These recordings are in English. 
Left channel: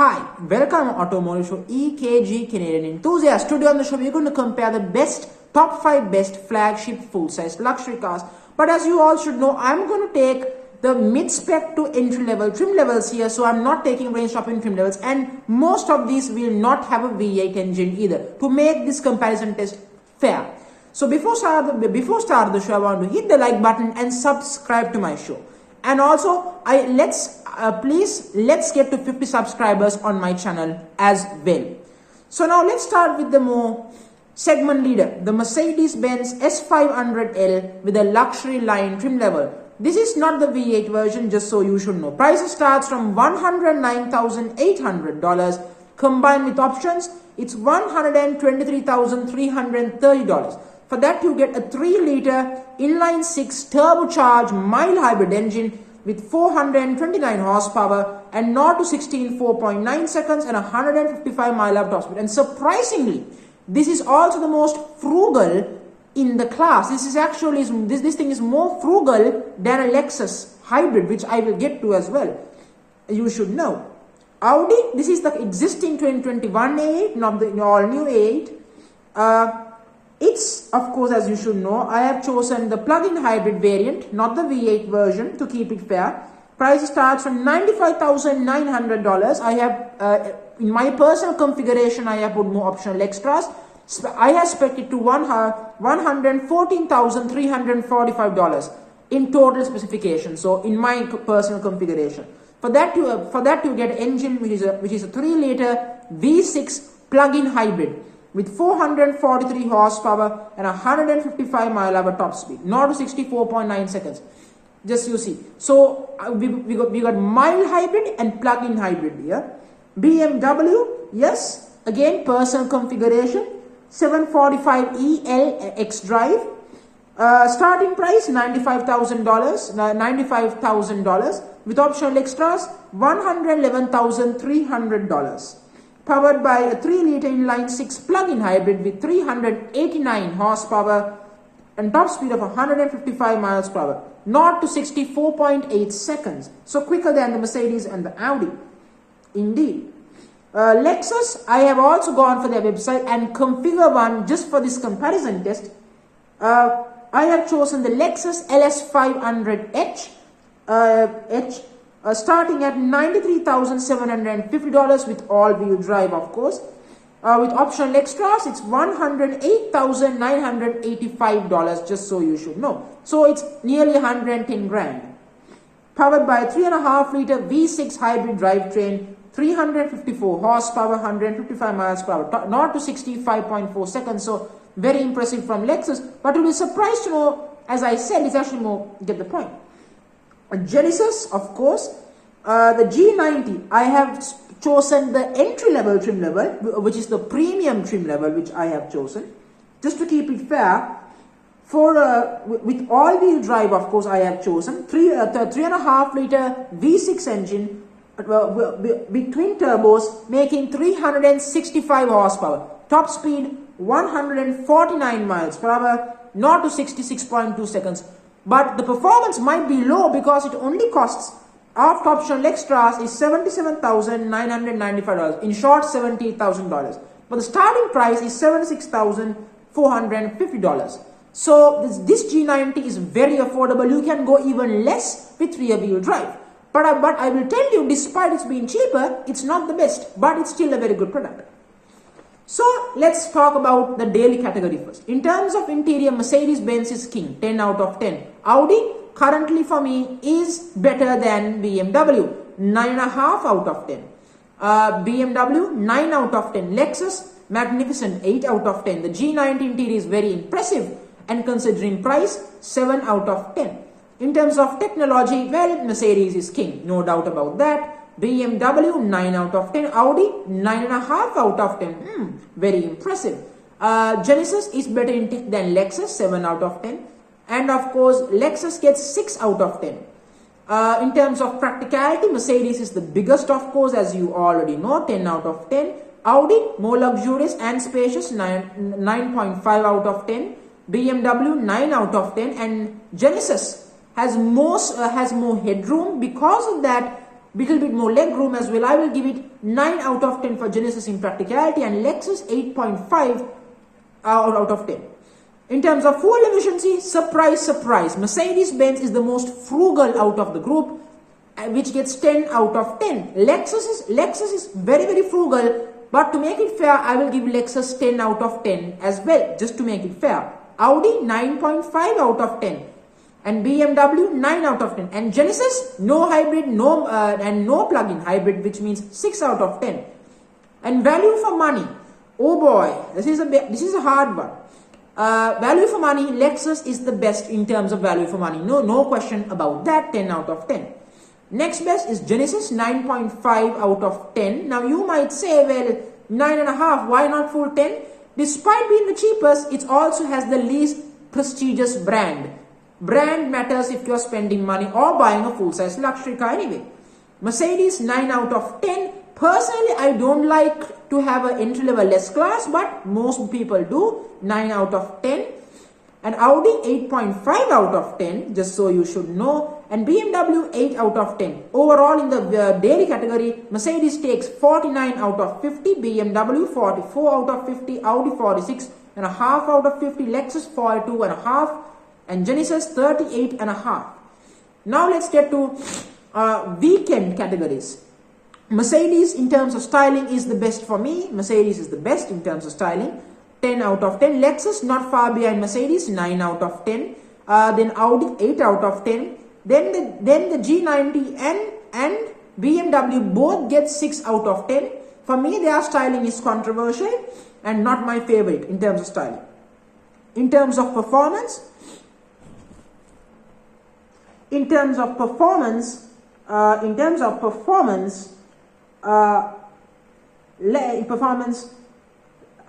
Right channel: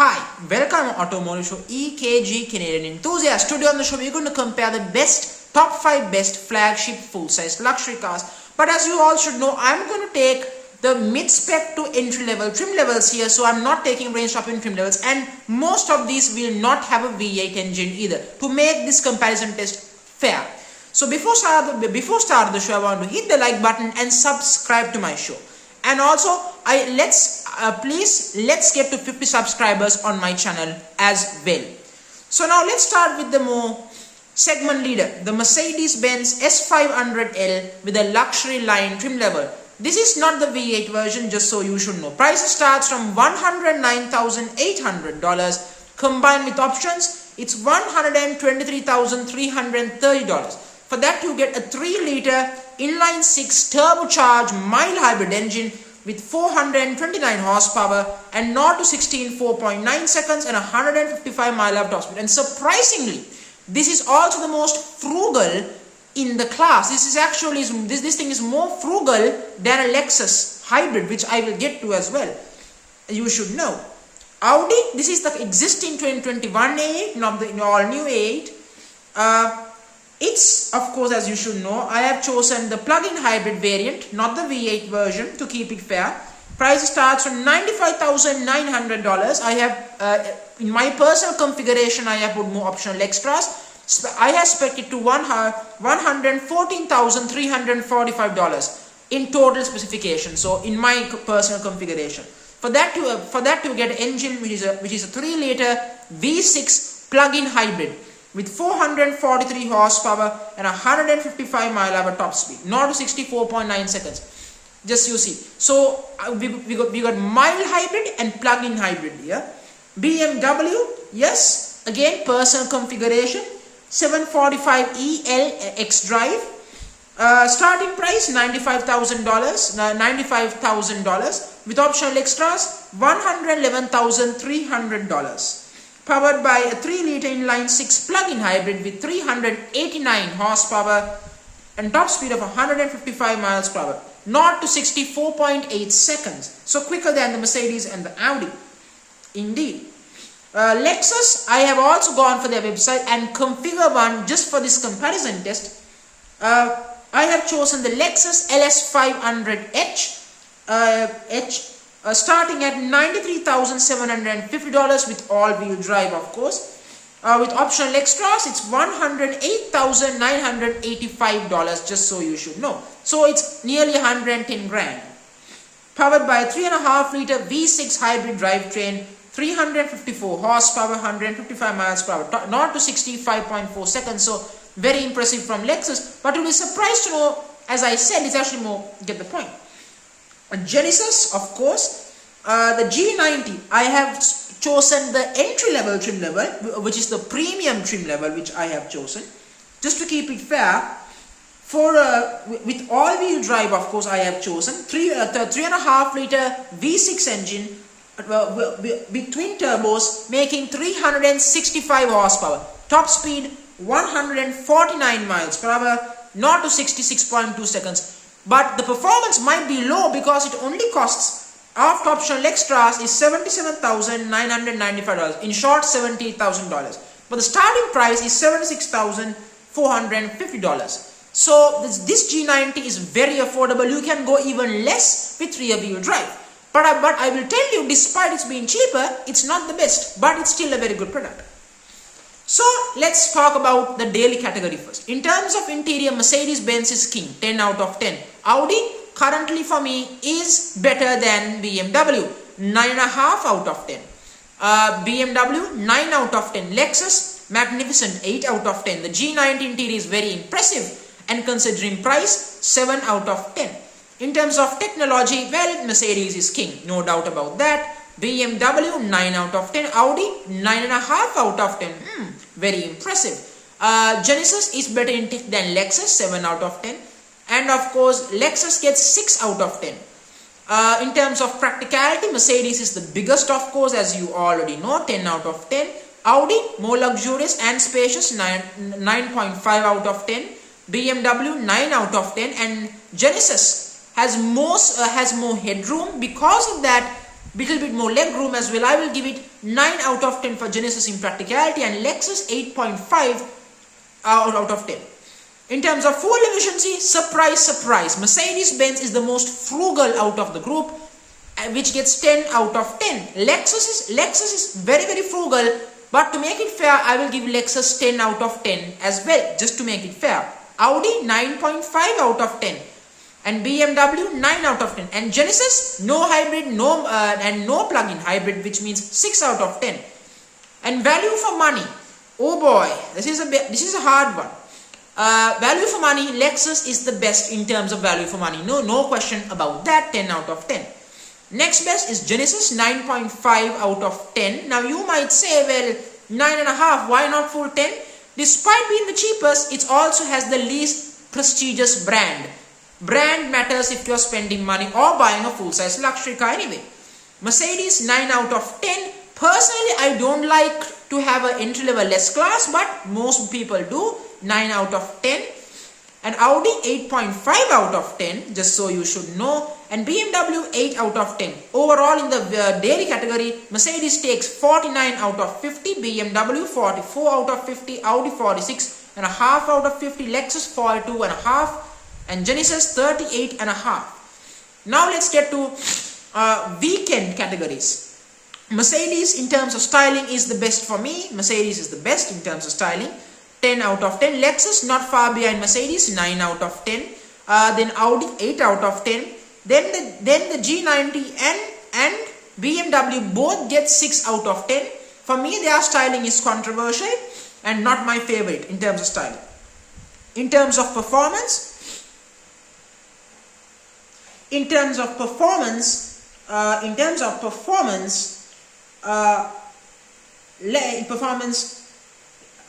Hi, welcome to Automotive Show EKG Canadian Enthusiast. Today on the show we're going to compare the top 5 best flagship full-size luxury cars. But as you all should know, I'm going to take the mid-spec to entry-level trim levels here. So I'm not taking range-topping trim levels, and most of these will not have a V8 engine either, to make this comparison test fair. So before start the show, I want to hit the like button and subscribe to my show. And also, let's get to 50 subscribers on my channel as well. So now let's start with the more segment leader, the Mercedes-Benz S500L with a luxury line trim level. This is not the V8 version, just so you should know. Price starts from $109,800. Combined with options, it's $123,330. For that you get a 3-liter inline-6 turbocharged mild hybrid engine with 429 horsepower and 0 to 60 in 4.9 seconds and 155 mile top speed. And surprisingly, this is also the most frugal in the class. This thing is more frugal than a Lexus hybrid, which I will get to as well. You should know. Audi, this is the existing 2021 A8, not the all new A8. It's, of course, as you should know, I have chosen the plug-in hybrid variant, not the V8 version, to keep it fair. Price starts from $95,900. I have, in my personal configuration, I have put more optional extras. I have spec'd it to $114,345 in total specification. So, in my personal configuration, for that you get an engine which is a 3-liter V6 plug-in hybrid with 443 horsepower and 155 mile/hour top speed, 0 to 64.9 seconds. Just you see. So we got mild hybrid and plug-in hybrid here. BMW, yes, again personal configuration, 745e LX drive. Starting price $95,000 with optional extras $111,300. Powered by a 3-liter inline-6 plug-in hybrid with 389 horsepower and top speed of 155 miles per hour, 0 to 64.8 seconds. So quicker than the Mercedes and the Audi. Indeed. Lexus, I have also gone for their website and configured one just for this comparison test. I have chosen the Lexus LS500H starting at $93,750 with all-wheel drive, of course. With optional extras, it's $108,985, just so you should know. So it's nearly 110 grand. Powered by a 3.5-liter V6 hybrid drivetrain, 354 horsepower, 155 miles per hour, 0 to 65.4 seconds. So very impressive from Lexus. But you'll be surprised to know, as I said, it's actually more, get the point. Genesis, of course, the G90, I have chosen the entry-level trim level, which is the premium trim level, which I have chosen, just to keep it fair. For with all-wheel drive, of course, I have chosen 3.5-liter V6 engine with twin turbos, making 365 horsepower, top speed 149 miles per hour, 0 to 66.2 seconds. But the performance might be low because it only costs, after optional extras, is $77,995. In short, $78,000. But the starting price is $76,450. So this G90 is very affordable. You can go even less with rear-wheel drive. But I will tell you, despite it's being cheaper, it's not the best, but it's still a very good product. So let's talk about the daily category first. In terms of interior, Mercedes-Benz is king, 10 out of 10. Audi currently for me is better than BMW, 9.5 out of 10. BMW, 9 out of 10. Lexus, magnificent, 8 out of 10. The G90 interior is very impressive, and considering price, 7 out of 10. In terms of technology, well, Mercedes is king, no doubt about that. BMW, 9 out of 10. Audi, 9.5 out of 10. Very impressive. Genesis is better in tech than Lexus, 7 out of 10. And of course, Lexus gets 6 out of 10. In terms of practicality, Mercedes is the biggest, of course, as you already know, 10 out of 10. Audi, more luxurious and spacious, 9.5 out of 10. BMW, 9 out of 10. And Genesis has more headroom. Because of that, little bit more leg room as well. I will give it 9 out of 10 for Genesis in practicality, and Lexus 8.5 out of 10. In terms of fuel efficiency, surprise, surprise, Mercedes-Benz is the most frugal out of the group, which gets 10 out of 10. Lexus is very, very frugal, but to make it fair, I will give Lexus 10 out of 10 as well, just to make it fair. Audi 9.5 out of 10. And BMW 9 out of 10. And Genesis, no hybrid, and no plug-in hybrid, which means 6 out of 10. And value for money, oh boy, this is a hard one. Value for money, Lexus is the best in terms of value for money. No question about that. 10 out of 10. Next best is Genesis, 9.5 out of 10. Now you might say, well, 9.5, why not full 10? Despite being the cheapest, it also has the least prestigious brand. Brand matters if you're spending money or buying a full-size luxury car anyway. Mercedes, 9 out of 10. Personally, I don't like to have an entry-level S-Class, but most people do. 9 out of 10. And Audi, 8.5 out of 10, just so you should know. And BMW, 8 out of 10. Overall, in the daily category, Mercedes takes 49 out of 50, BMW 44 out of 50, Audi 46.5 out of 50, Lexus 42.5, and Genesis 38.5. Now let's get to weekend categories. Mercedes in terms of styling is the best for me. Mercedes is the best in terms of styling. 10 out of 10. Lexus not far behind Mercedes, 9 out of 10. Then Audi 8 out of 10. Then the G90 and BMW both get 6 out of 10. For me, their styling is controversial and not my favorite in terms of styling. In terms of performance,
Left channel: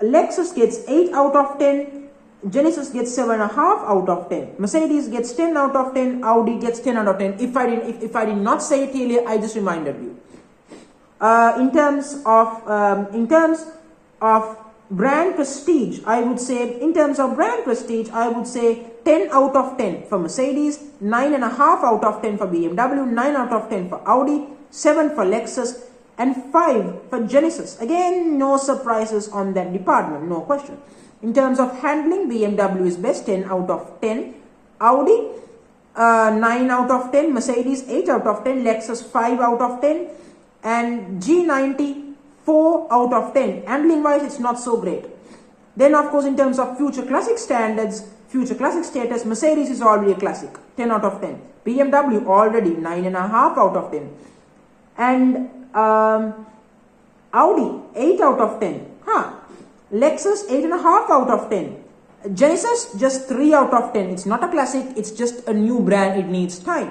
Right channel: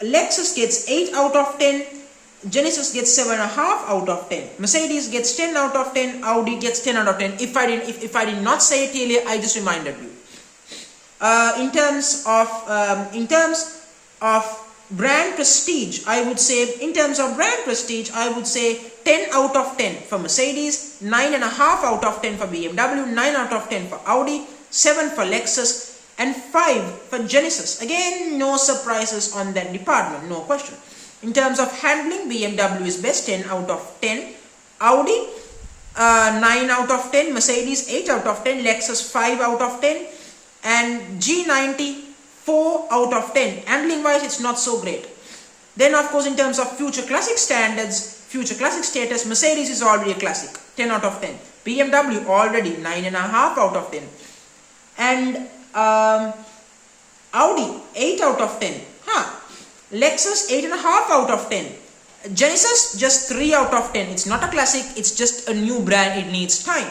Lexus gets 8 out of 10, Genesis gets 7.5 out of 10, Mercedes gets 10 out of 10, Audi gets 10 out of 10. If I did not say it earlier, I just reminded you. In terms of brand prestige, I would say 10 out of 10 for Mercedes, 9.5 out of 10 for BMW, 9 out of 10 for Audi, 7 for Lexus, and 5 for Genesis. Again, no surprises on that department, no question. In terms of handling, BMW is best, 10 out of 10. Audi, 9 out of 10. Mercedes, 8 out of 10. Lexus, 5 out of 10. And G90, 4 out of 10. Handling wise, it's not so great. Then, of course, in terms of future classic standards, future classic status, Mercedes is already a classic, 10 out of 10. BMW already 9.5 out of 10. And Audi 8 out of 10. Lexus 8.5 out of 10. Genesis just 3 out of 10. It's not a classic, it's just a new brand, it needs time.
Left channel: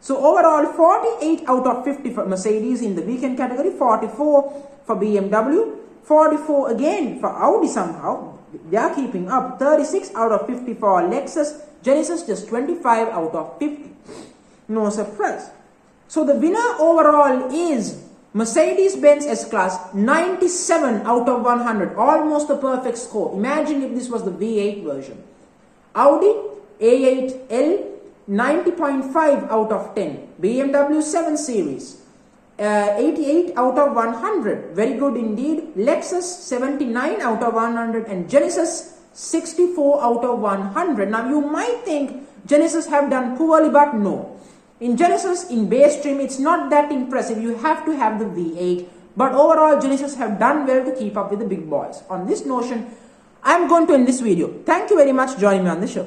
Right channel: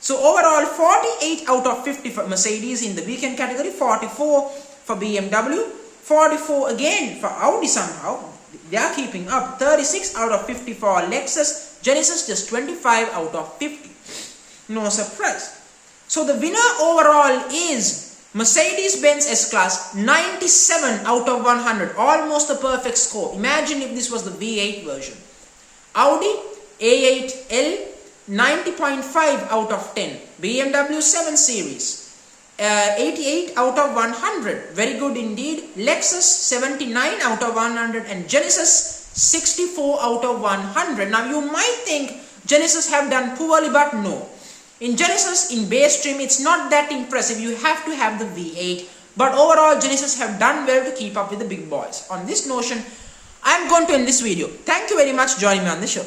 So overall 48 out of 50 for Mercedes in the weekend category, 44 for BMW, 44 again for Audi somehow. They are keeping up. 36 out of 50 for Lexus. Genesis just 25 out of 50. No surprise. So the winner overall is Mercedes-Benz S-Class, 97 out of 100. Almost a perfect score. Imagine if this was the V8 version. Audi A8L, 90.5 out of 10. BMW 7 Series, 88 out of 100. Very good indeed. Lexus 79 out of 100 and Genesis 64 out of 100. Now you might think Genesis have done poorly, but no. In Genesis, in base trim, it's not that impressive. You have to have the V8. But overall, Genesis have done well to keep up with the big boys. On this notion, I'm going to end this video. Thank you very much for joining me on the show.